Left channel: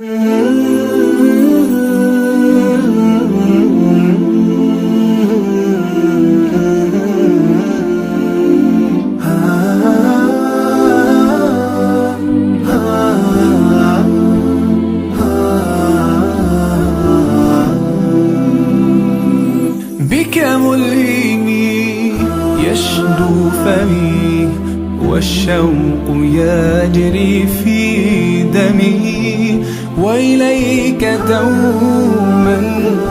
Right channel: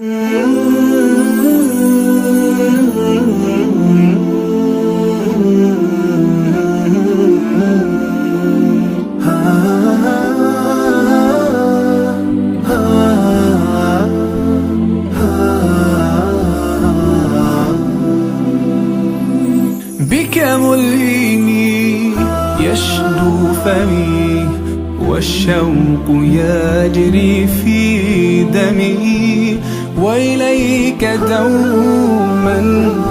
بك ملهمي يشدو فمي والشوق يجري في دمي، وإليك دوما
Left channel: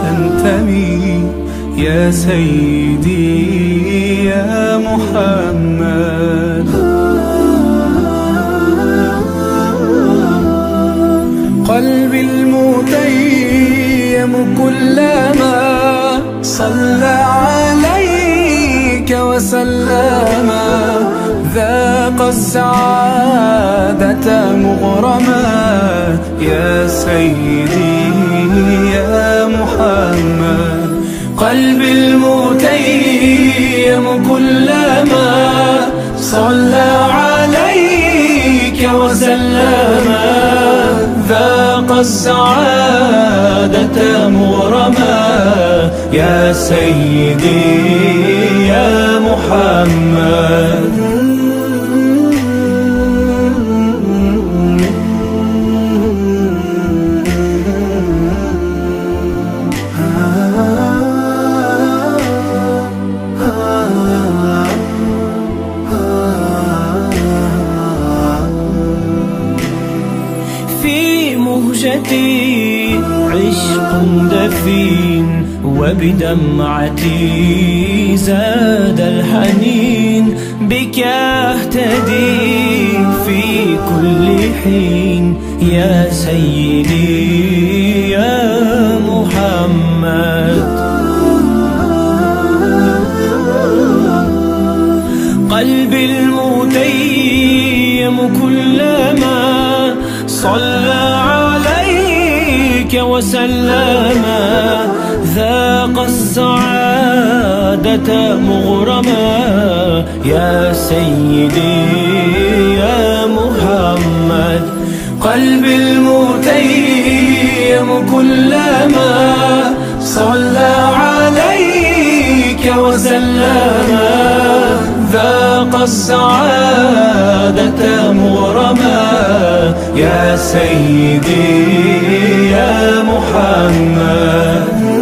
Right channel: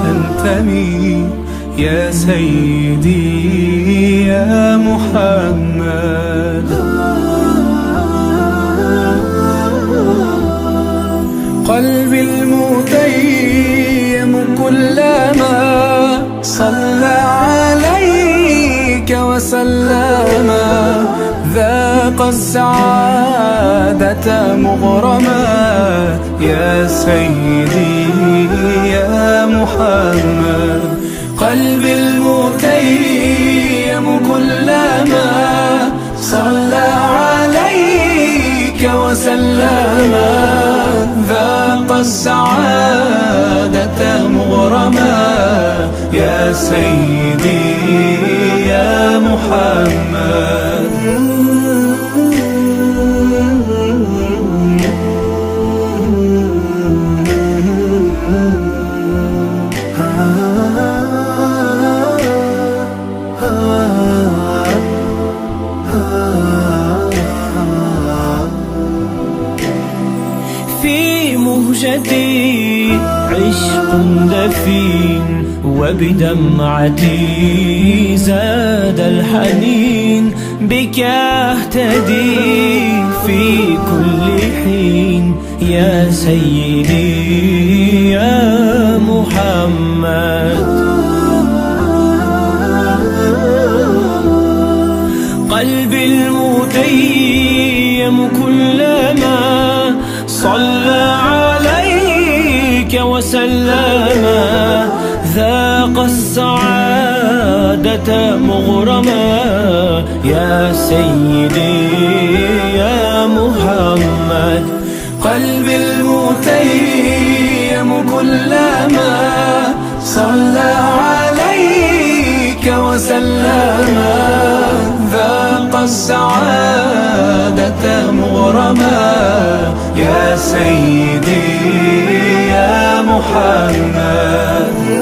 أنتمي يا سيدي يا محمد. قلبي المتيم كلما صلى عليك وسلم، ذاق السعادة مغرما يا سيدي يا محمد. قلبي المتيم كلما صلى عليك وسلم، ذاق السعادة مغرما يا سيدي يا محمد. في مهجتي عشق دفين، وبدمعتي زاد الحنين، بك أهتدي في كل حين يا سيدي يا محمد. قلبي المتيم كلما صلى عليك وسلم، ذاق السعادة مغرما يا سيدي يا محمد. قلبي المتيم كلما صلى عليك وسلم، ذاق السعادة مغرما يا سيدي يا محمد.